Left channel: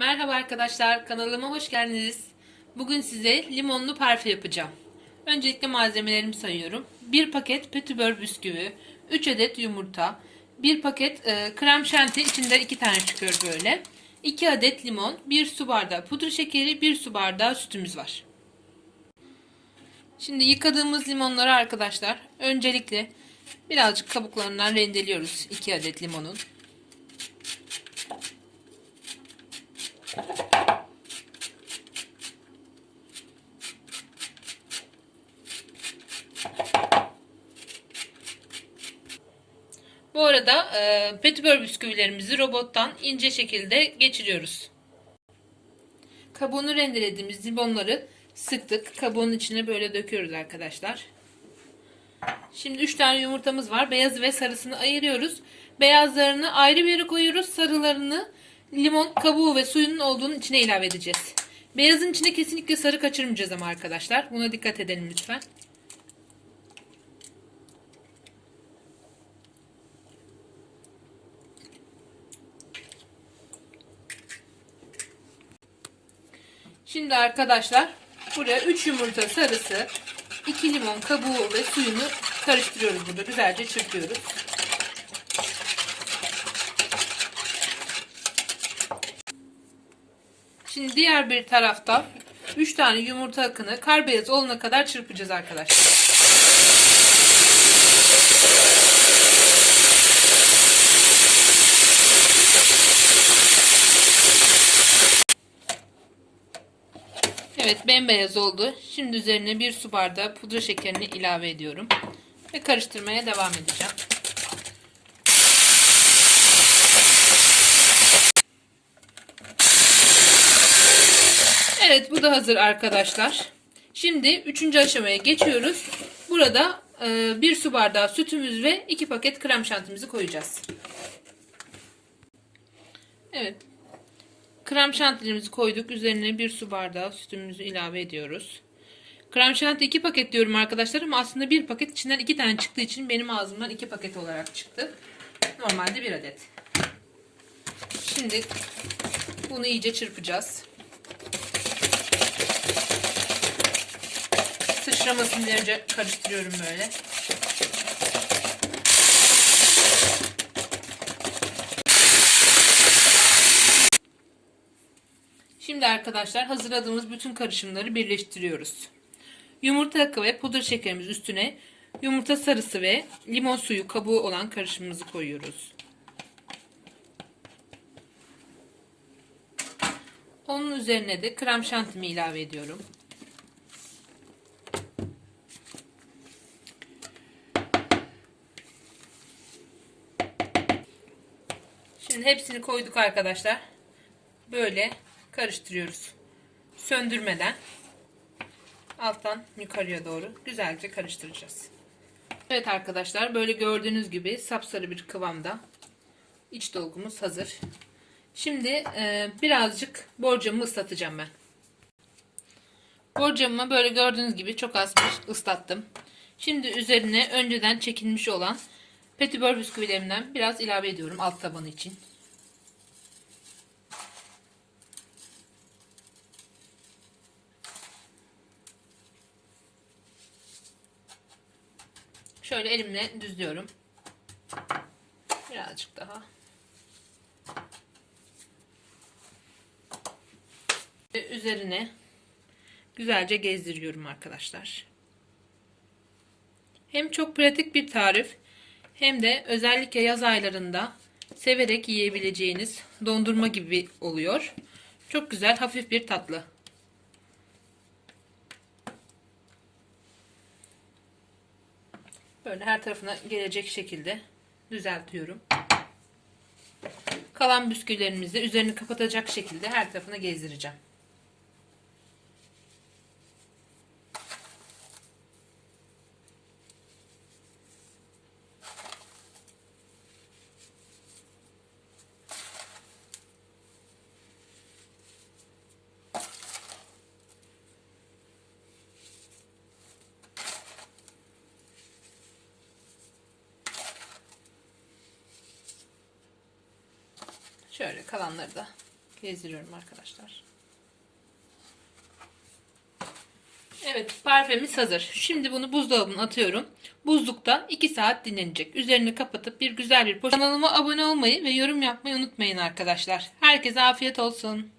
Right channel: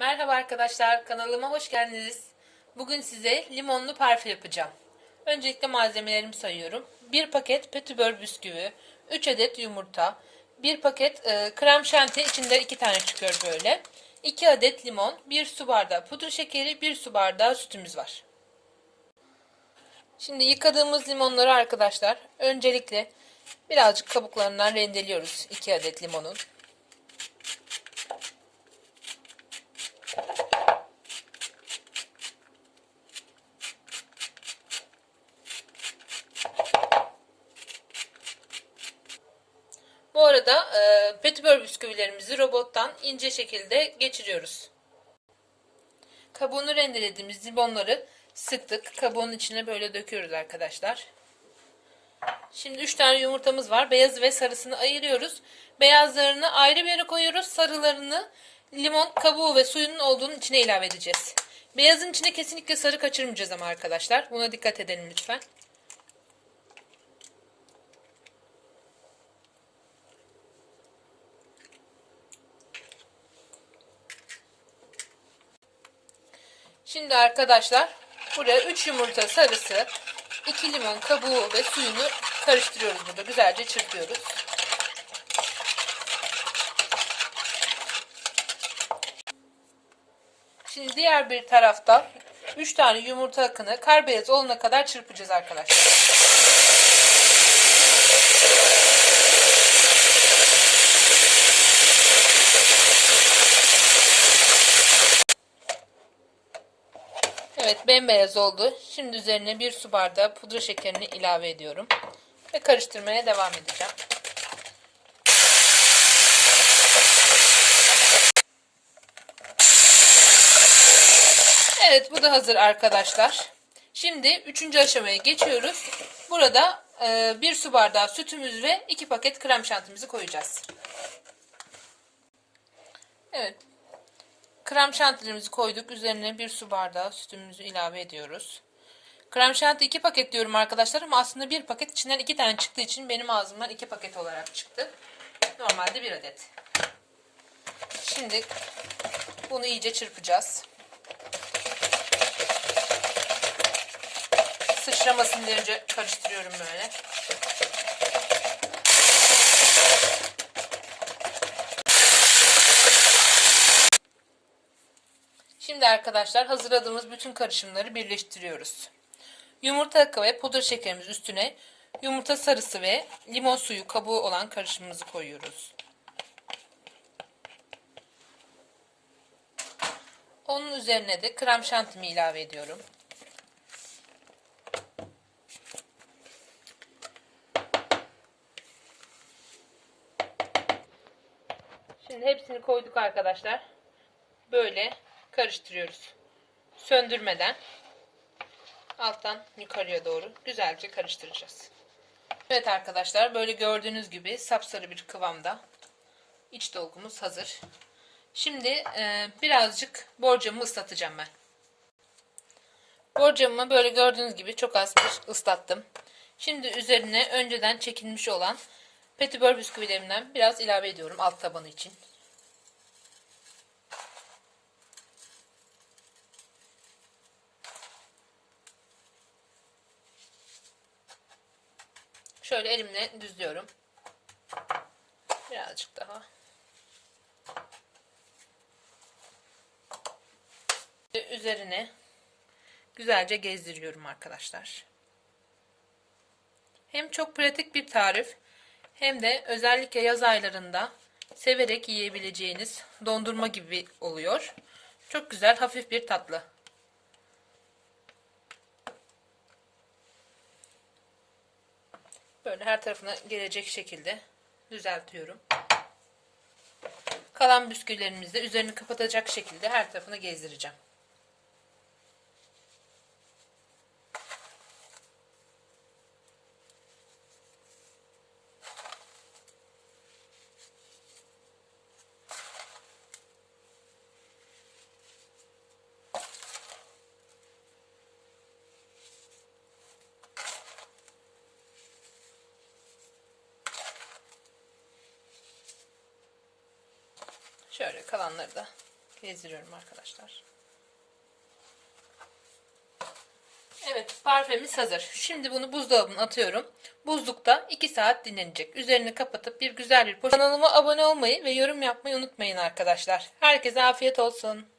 Merhaba arkadaşlar, kanalıma hoş geldiniz. Bugün size limonlu parfüm yapacağım. Öncelikle malzemelerimi sayıyorum. 1 paket petibör bisküvi, 3 adet yumurta, 1 paket e, krem şanti içinde 2 tane çıkıyor böyle. 2 adet limon, 1 su bardağı pudra şekeri, 1 su bardağı sütümüz var. Şimdi yıkadığımız limonları arkadaşlar öncelikle birazcık kabuklarından rendeliyoruz 2 adet limonun. Bu arada e, petibör bisküvilerimizi robottan ince şekilde geçiriyoruz. Kabuğunu rendelediğimiz limonları sıktık. Kabuğun içine böyle döküyoruz arkadaşlar. Şimdi 3 tane yumurtamız var. Beyazı ve sarısını ayırıyoruz. Beyazlarını ayrı bir yere koyuyoruz. Sarılarını limon kabuğu ve suyunun olduğunun içine ilave edeceğiz. Beyazın içine kesinlikle sarı kaçırmayacağız ama arkadaşlar. Buna dikkat edelim lütfen. Şimdi arkadaşlar buraya 3 yumurta sarısı, 2 limon kabuğu ve suyunu karıştırıyoruz burada. Güzelce çırpıyoruz. Şimdi diğer bir tarafta 3 tane yumurta akını kar beyaz olana kadar çırpacağız arkadaşlar. Evet bembeyaz oldu. Şimdi üzerine bir su bardağı pudra şekerini ilave ediyorum. Ve karıştırmaya devam edeceğim. Evet bu da hazır arkadaşlar. Şimdi üçüncü aşamaya geçiyoruz. Burada e, bir su bardağı sütümüz ve iki paket krem şantimizi koyacağız. Evet Krem şantilerimizi koyduk. Üzerine bir su bardağı sütümüzü ilave ediyoruz. Krem şanti 2 paket diyorum arkadaşlar ama aslında bir paket içinden 2 tane çıktığı için benim ağzımdan 2 paket olarak çıktı. Normalde 1 adet. Şimdi bunu iyice çırpacağız. Sıçramasın diye önce karıştırıyorum böyle. Şimdi arkadaşlar hazırladığımız bütün karışımları birleştiriyoruz. Yumurta akı ve pudra şekerimiz üstüne yumurta sarısı ve limon suyu kabuğu olan karışımımızı koyuyoruz. Onun üzerine de krem şantimi ilave ediyorum. Şimdi hepsini koyduk arkadaşlar. Böyle karıştırıyoruz. Söndürmeden alttan yukarıya doğru güzelce karıştıracağız. Evet arkadaşlar böyle gördüğünüz gibi sapsarı bir kıvamda iç dolgumuz hazır. Şimdi e, birazcık borcamımı ıslatacağım ben. Borcamımı böyle gördüğünüz gibi çok az ıslattım. Şimdi üzerine önceden çekilmiş olan petibör bisküvilerimden biraz ilave ediyorum alt tabanı için. Şöyle elimle düzlüyorum. Birazcık daha. Üzerine güzelce gezdiriyorum arkadaşlar. Hem çok pratik bir tarif hem de özellikle yaz aylarında severek yiyebileceğiniz dondurma gibi oluyor. Çok güzel hafif bir tatlı. Böyle her tarafına gelecek şekilde düzeltiyorum. Kalan bisküvilerimizi üzerini kapatacak şekilde her tarafına gezdireceğim. Şöyle kalanları da gezdiriyorum arkadaşlar. Evet parfümümüz hazır. Şimdi bunu buzdolabına atıyorum. Buzlukta 2 saat dinlenecek. Üzerini kapatıp bir güzel bir poşet. Kanalıma abone olmayı ve yorum yapmayı unutmayın arkadaşlar. Herkese afiyet olsun.